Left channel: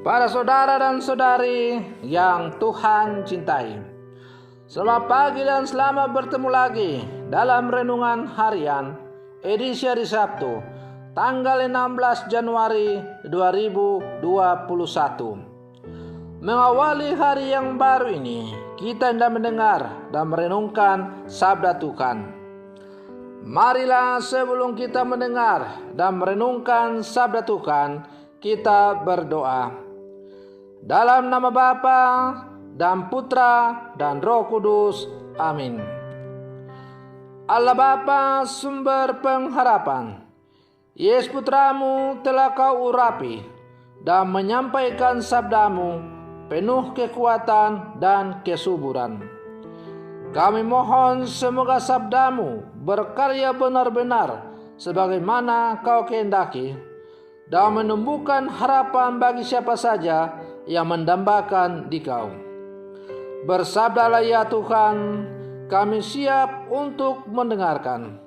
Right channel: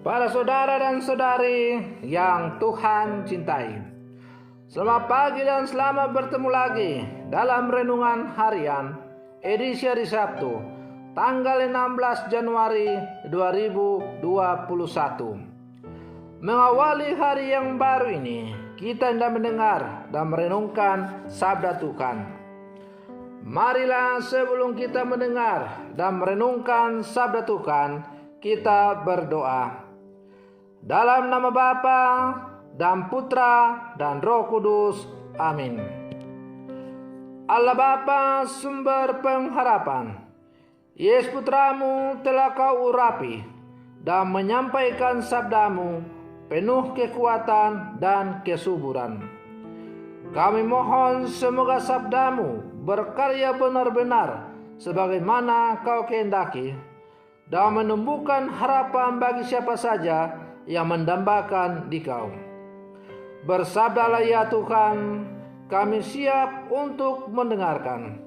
Para saudara dan saudari yang Tuhan cintai, selamat pagi dan selamat bertemu lagi dalam Renungan Harian edisi hari Sabtu tanggal 16 Januari 2021. Mengawali hari yang baru ini, kita hendak mendengar dan merenungkan sabda Tuhan. Marilah sebelum kita mendengar dan merenungkan sabda Tuhan, kita berdoa. Dalam nama Bapa dan Putra dan Roh Kudus. Amin. Allah Bapa, sumber pengharapan, Yesus Putramu telah kau urapi dan menyampaikan sabdamu penuh kekuatan dan kesuburan. Kami mohon semoga sabdamu berkarya benar-benar sebagaimana kau kehendaki dan menumbuhkan harapan bagi siapa saja yang mendambakan di kau. Bersabdalah ya Tuhan, kami siap untuk mendengarkan.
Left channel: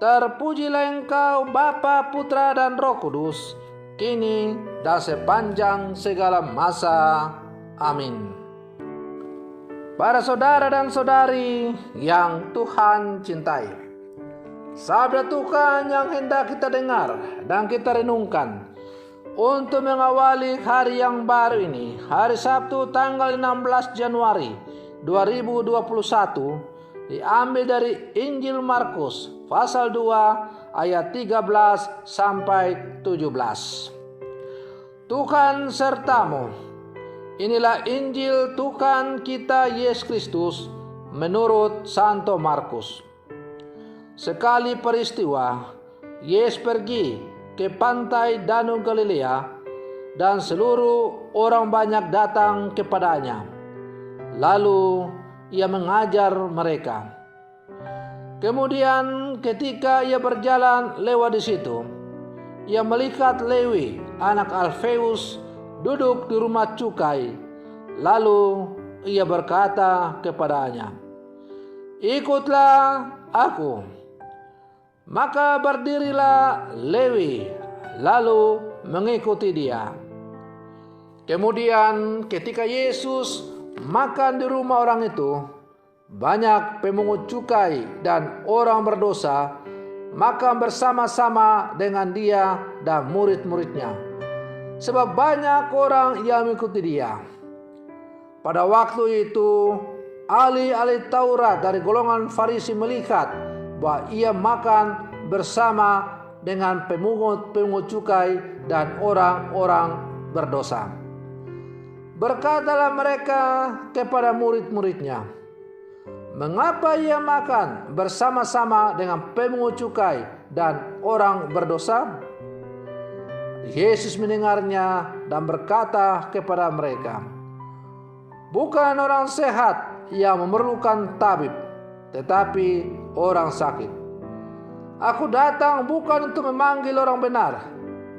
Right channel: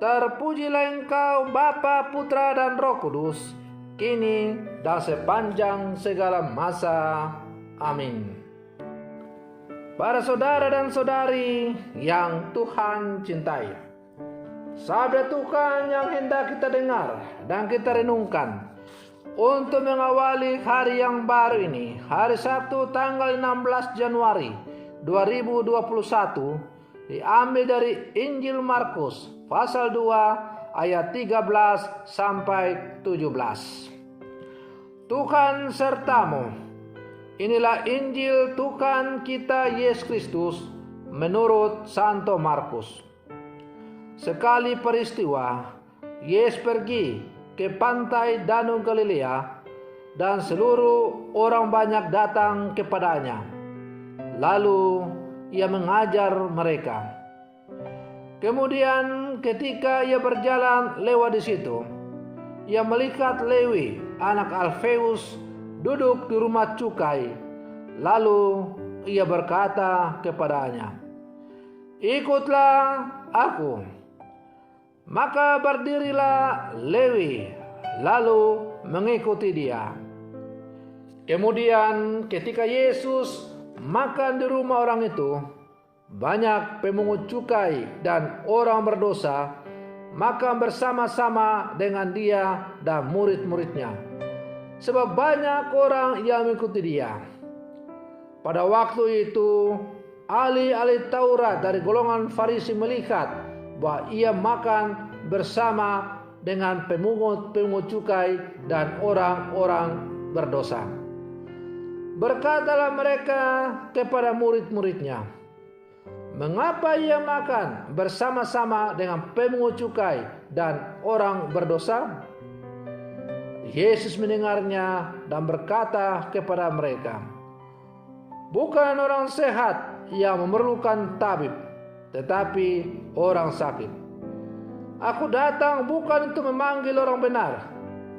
Terpujilah Engkau Bapa, Putra dan Roh Kudus, kini dan sepanjang segala masa. Amin. Para saudara dan saudari yang Tuhan cintai, sabda Tuhan yang hendak kita dengar dan kita renungkan untuk mengawali hari yang baru ini, hari Sabtu tanggal 16 Januari 2021, diambil dari Injil Markus pasal 2 ayat 13 sampai 17. Tuhan sertamu. Inilah Injil Tuhan kita Yesus Kristus menurut Santo Markus. Sekali peristiwa, Yesus pergi ke pantai Danau Galilea dan seluruh orang banyak datang kepadanya. Lalu ia mengajar mereka. Kemudian ketika ia berjalan lewat di situ, ia melihat Lewi, anak Alfeus, duduk di rumah cukai. Lalu ia berkata kepadanya, "Ikutlah aku." Maka berdirilah Lewi, lalu mengikuti dia. Kemudian ketika Yesus makan di rumah orang itu, banyak pemungut cukai dan orang berdosa makan bersama-sama dengan dia dan murid-muridnya, sebab banyak orang yang mengikuti dia. Pada waktu itu, ahli-ahli Taurat dari golongan Farisi melihat bahwa ia makan bersama dengan pemungut cukai dan orang-orang berdosa. Berkatalah mereka kepada murid-muridnya, "Mengapa ia makan bersama-sama dengan pemungut cukai dan orang berdosa?" Yesus mendengarnya dan berkata kepada mereka, "Bukan orang sehat yang memerlukan tabib, tetapi orang sakit. Aku datang bukan untuk memanggil orang benar,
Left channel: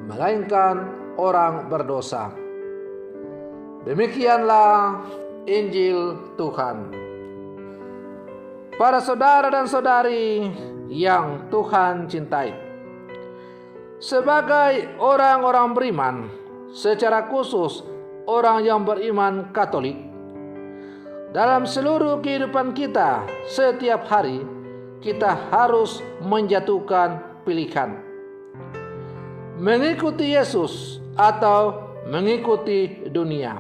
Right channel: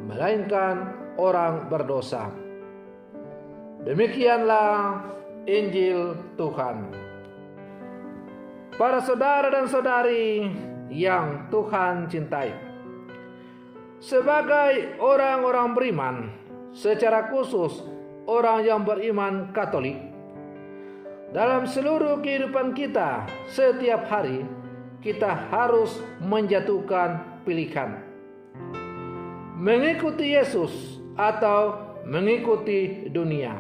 melainkan orang berdosa." Demikianlah Injil Tuhan. Para saudara dan saudari yang Tuhan cintai, sebagai orang-orang beriman, secara khusus orang yang beriman Katolik, dalam seluruh kehidupan kita setiap hari, kita harus menjatuhkan pilihan. Mengikuti Yesus atau mengikuti dunia.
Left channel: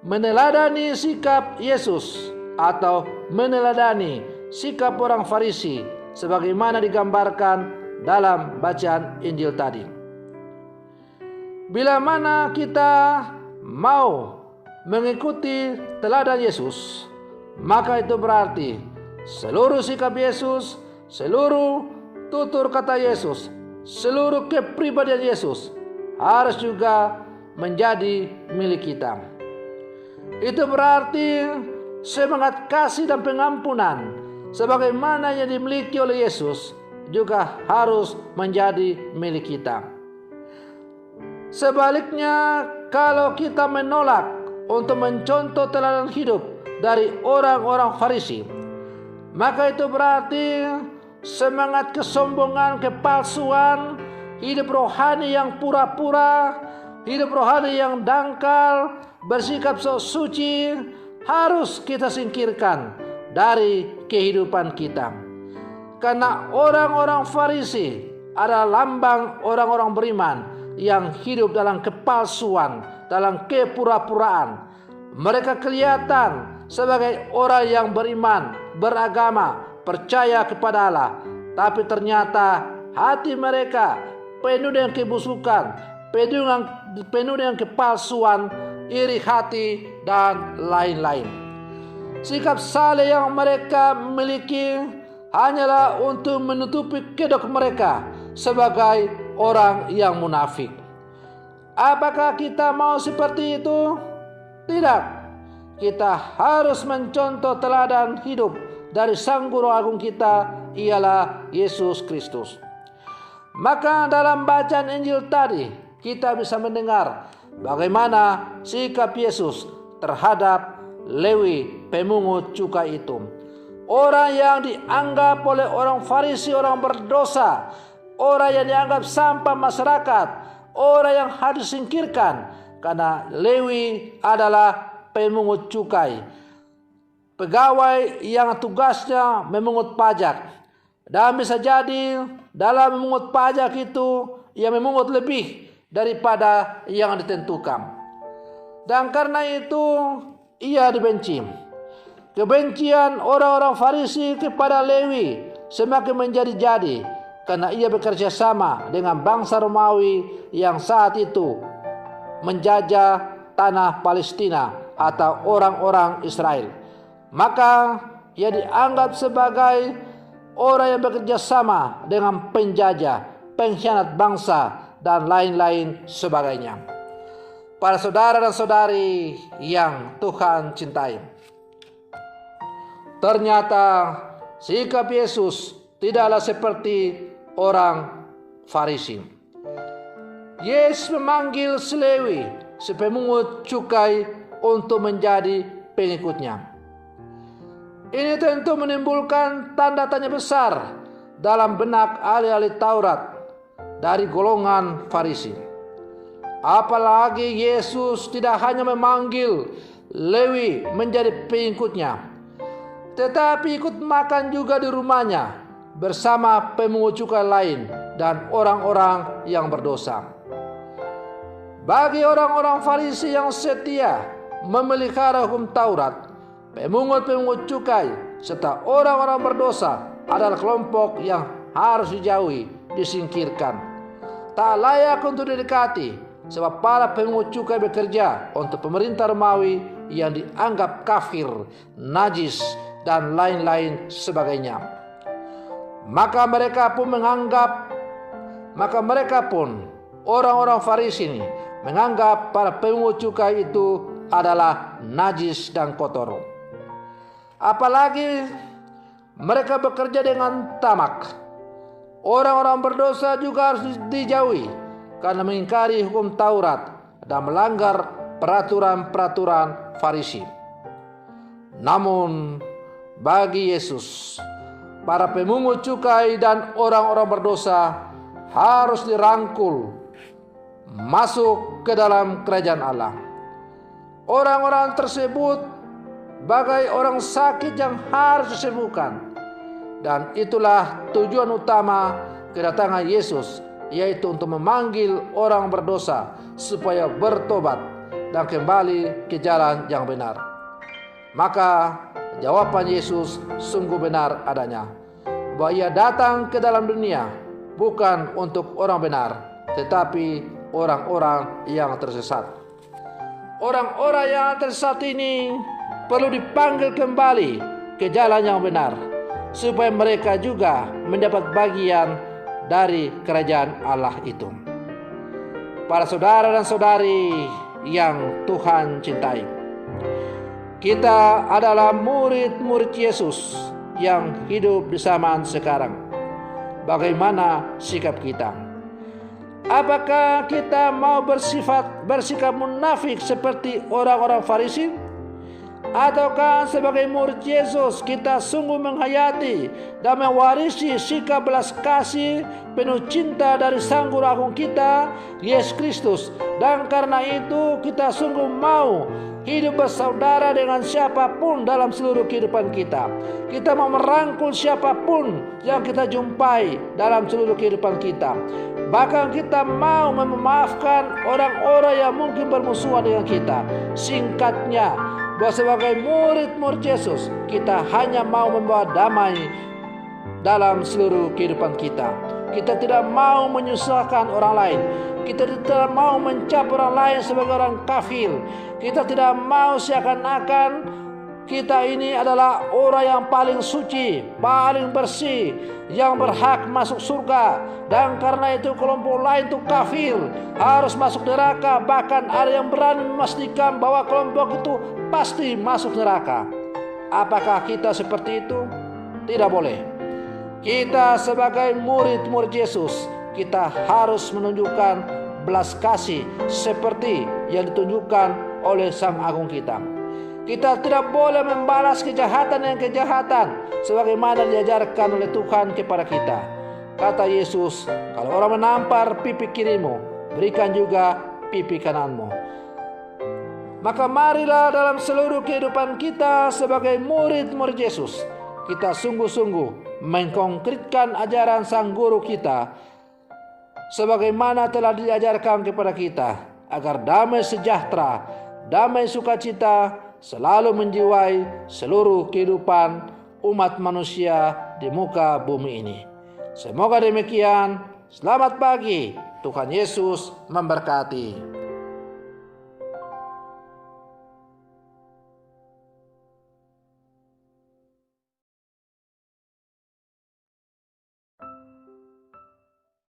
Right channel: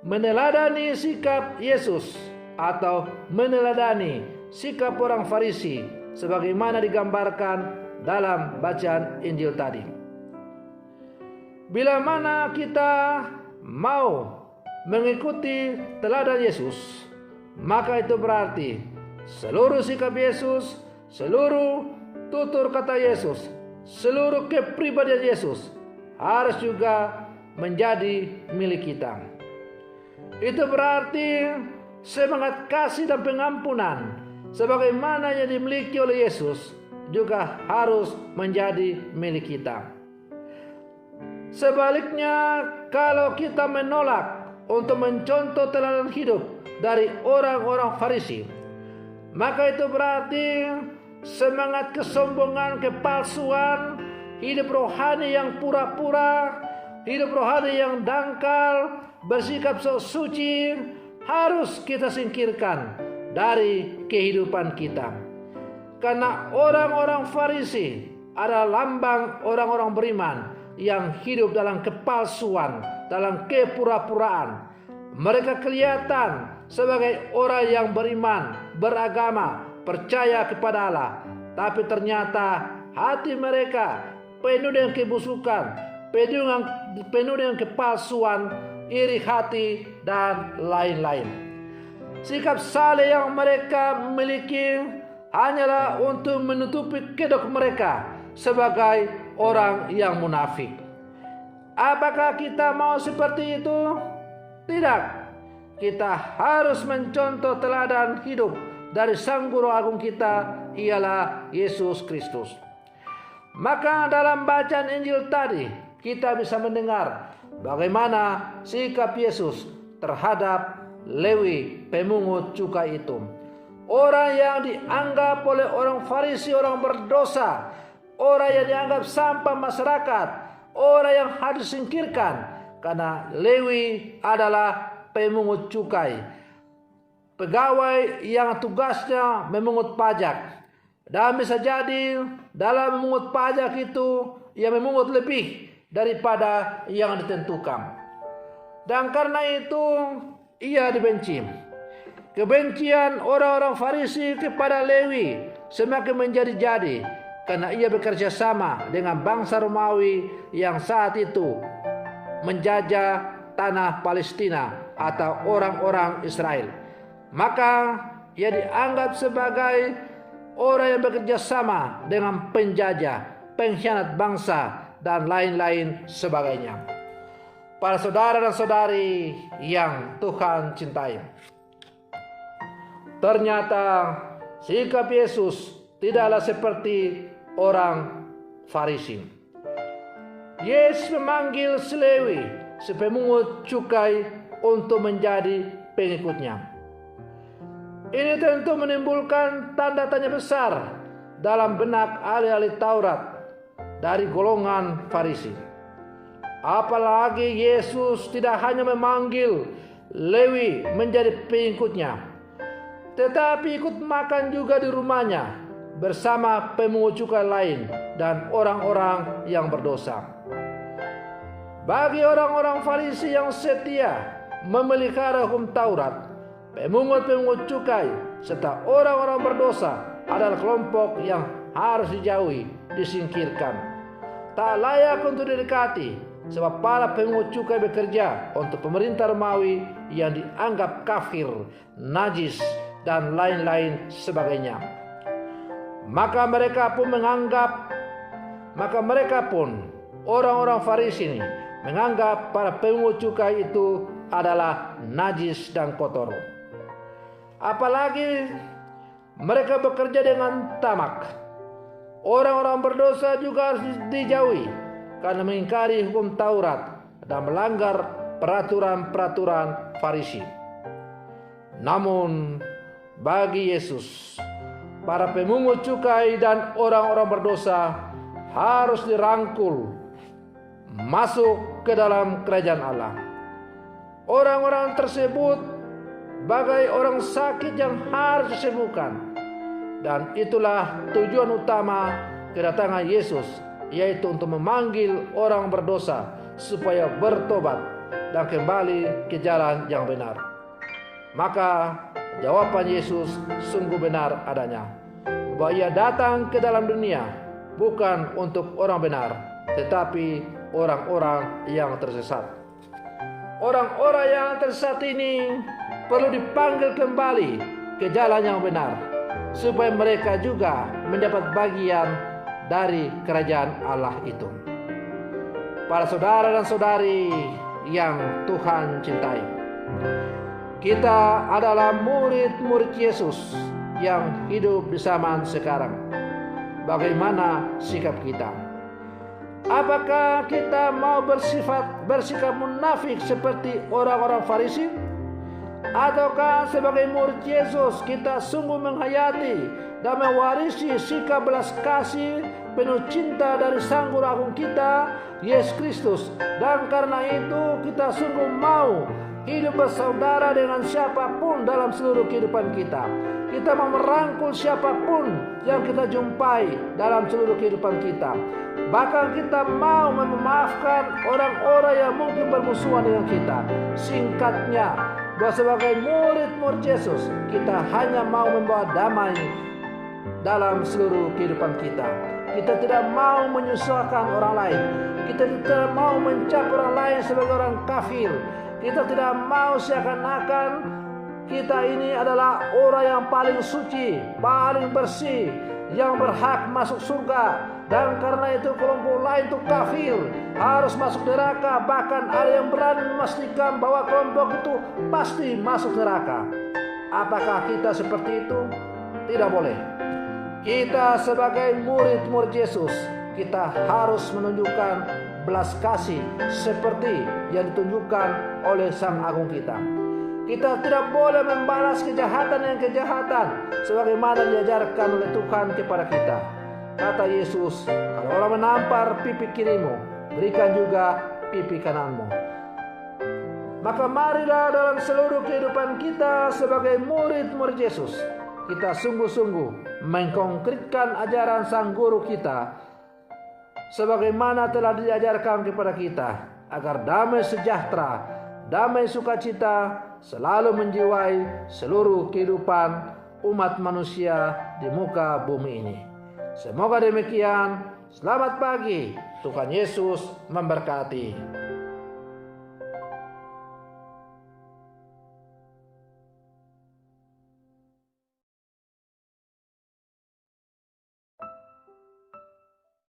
Meneladani sikap Yesus atau meneladani sikap orang Farisi sebagaimana digambarkan dalam bacaan Injil tadi. Bila mana kita mau mengikuti teladan Yesus, maka itu berarti seluruh sikap Yesus, seluruh tutur kata Yesus, seluruh kepribadian Yesus harus juga menjadi milik kita. Itu berarti semangat kasih dan pengampunan sebagaimana yang dimiliki oleh Yesus juga harus menjadi milik kita. Sebaliknya, kalau kita menolak untuk mencontoh teladan hidup dari orang-orang Farisi, maka itu berarti semangat kesombongan, kepalsuan, hidup rohani yang pura-pura, hidup rohani yang dangkal, bersikap sok suci harus kita singkirkan dari kehidupan kita. Karena orang-orang Farisi adalah lambang orang-orang beriman yang hidup dalam kepalsuan, dalam kepura-puraan. Mereka kelihatan sebagai orang yang beriman, beragama, percaya kepada Allah, tapi ternyata hati mereka penuh dengan kebusukan, penuh dengan kepalsuan, iri hati, dan lain-lain. Sikap saleh yang mereka miliki hanyalah untuk menutupi kedok mereka sebagai orang yang munafik. Apakah kita mau seperti itu? Tidak. Kita harus mencontoh teladan hidup dari Sang Guru Agung kita, ialah Yesus Kristus. Maka dalam bacaan Injil tadi kita bisa mendengar bagaimana sikap Yesus terhadap Lewi pemungut cukai itu. Orang yang dianggap oleh orang Farisi orang berdosa, orang yang dianggap sampah masyarakat, orang yang harus disingkirkan, karena Lewi adalah pemungut cukai, pegawai yang tugasnya memungut pajak. Dan bisa jadi dalam memungut pajak itu ia memungut lebih daripada yang ditentukan. Dan karena itu ia dibenci. Kebencian orang-orang Farisi kepada Lewi semakin menjadi-jadi karena ia bekerja sama dengan bangsa Romawi yang saat itu menjajah tanah Palestina atau orang-orang Israel. Maka ia dianggap sebagai orang yang bekerja sama dengan penjajah, pengkhianat bangsa, dan lain-lain sebagainya. Para saudara dan saudari yang Tuhan cintai, ternyata sikap Yesus tidaklah seperti orang Farisi. Yesus memanggil si Lewi, si pemungut cukai, untuk menjadi pengikutnya. Ini tentu menimbulkan tanda tanya besar dalam benak ahli-ahli Taurat dari golongan Farisi. Apalagi Yesus tidak hanya memanggil Lewi menjadi pengikutnya, tetapi ikut makan juga di rumahnya bersama pemungut cukai lain dan orang-orang yang berdosa. Bagi orang-orang Farisi yang setia memelihara hukum Taurat, pemungut-pemungut cukai serta orang-orang berdosa adalah kelompok yang harus dijauhi, disingkirkan. Tak layak untuk didekati, sebab para pemungut cukai bekerja untuk pemerintah Romawi yang dianggap kafir, najis, dan lain-lain sebagainya. Maka mereka pun orang-orang Farisi ini menganggap para pemungut cukai itu adalah najis dan kotor. Apalagi mereka bekerja dengan tamak. Orang-orang berdosa juga harus dijauhi karena mengingkari hukum Taurat dan melanggar peraturan-peraturan Farisi. Namun bagi Yesus, para pemungut cukai dan orang-orang berdosa harus dirangkul masuk ke dalam kerajaan Allah. Orang-orang tersebut bagai orang sakit yang harus disembuhkan. Dan itulah tujuan utama kedatangan Yesus, yaitu untuk memanggil orang berdosa supaya bertobat dan kembali ke jalan yang benar. Maka jawaban Yesus sungguh benar adanya, bahwa ia datang ke dalam dunia bukan untuk orang benar, tetapi orang-orang yang tersesat. Orang-orang yang tersesat ini perlu dipanggil kembali ke jalan yang benar, supaya mereka juga mendapat bagian dari kerajaan Allah itu. Para saudara dan saudari yang Tuhan cintai, kita adalah murid-murid Yesus yang hidup di zaman sekarang. Bagaimana sikap kita? Apakah kita mau bersikap munafik seperti orang-orang Farisi? Ataukah sebagai murid Yesus kita sungguh menghayati dan mewarisi sikap belas kasih penuh cinta dari Sang Guru Agung kita, Yesus Kristus. Dan karena itu kita sungguh mau hidup bersaudara dengan siapapun dalam seluruh kehidupan kita. Kita mau merangkul siapapun yang kita jumpai dalam seluruh kehidupan kita. Bahkan kita mau memaafkan orang-orang yang mungkin bermusuhan dengan kita. Singkatnya, bahwa sebagai murid-murid Yesus, kita hanya mau membawa damai dalam seluruh kehidupan kita. Kita tidak mau menyusahkan orang lain. Kita tidak mau mencap orang lain sebagai orang kafir. Kita tidak mau seakan-akan kita ini adalah orang yang paling suci, paling bersih, yang berhak masuk surga. Dan karena itu kelompok lain itu kafir, harus masuk neraka. Bahkan ada yang berani memastikan bahwa kelompok itu pasti masuk neraka. Apakah kita seperti itu? Tidak boleh. Kita sebagai murid-murid Yesus, kita harus menunjukkan belas kasih seperti yang ditunjukkan oleh Sang Agung kita. Kita tidak boleh membalas kejahatan dengan kejahatan sebagaimana diajarkan oleh Tuhan kepada kita. Kata Yesus, kalau orang menampar pipi kirimu, berikan juga pipi kananmu. Maka marilah dalam seluruh kehidupan kita sebagai murid-murid Yesus, kita sungguh-sungguh mengkonkretkan ajaran Sang Guru kita sebagaimana telah diajarkan kepada kita, agar damai sejahtera, damai sukacita selalu menjiwai seluruh kehidupan umat manusia di muka bumi ini. Semoga demikian. Selamat pagi. Tuhan Yesus memberkati.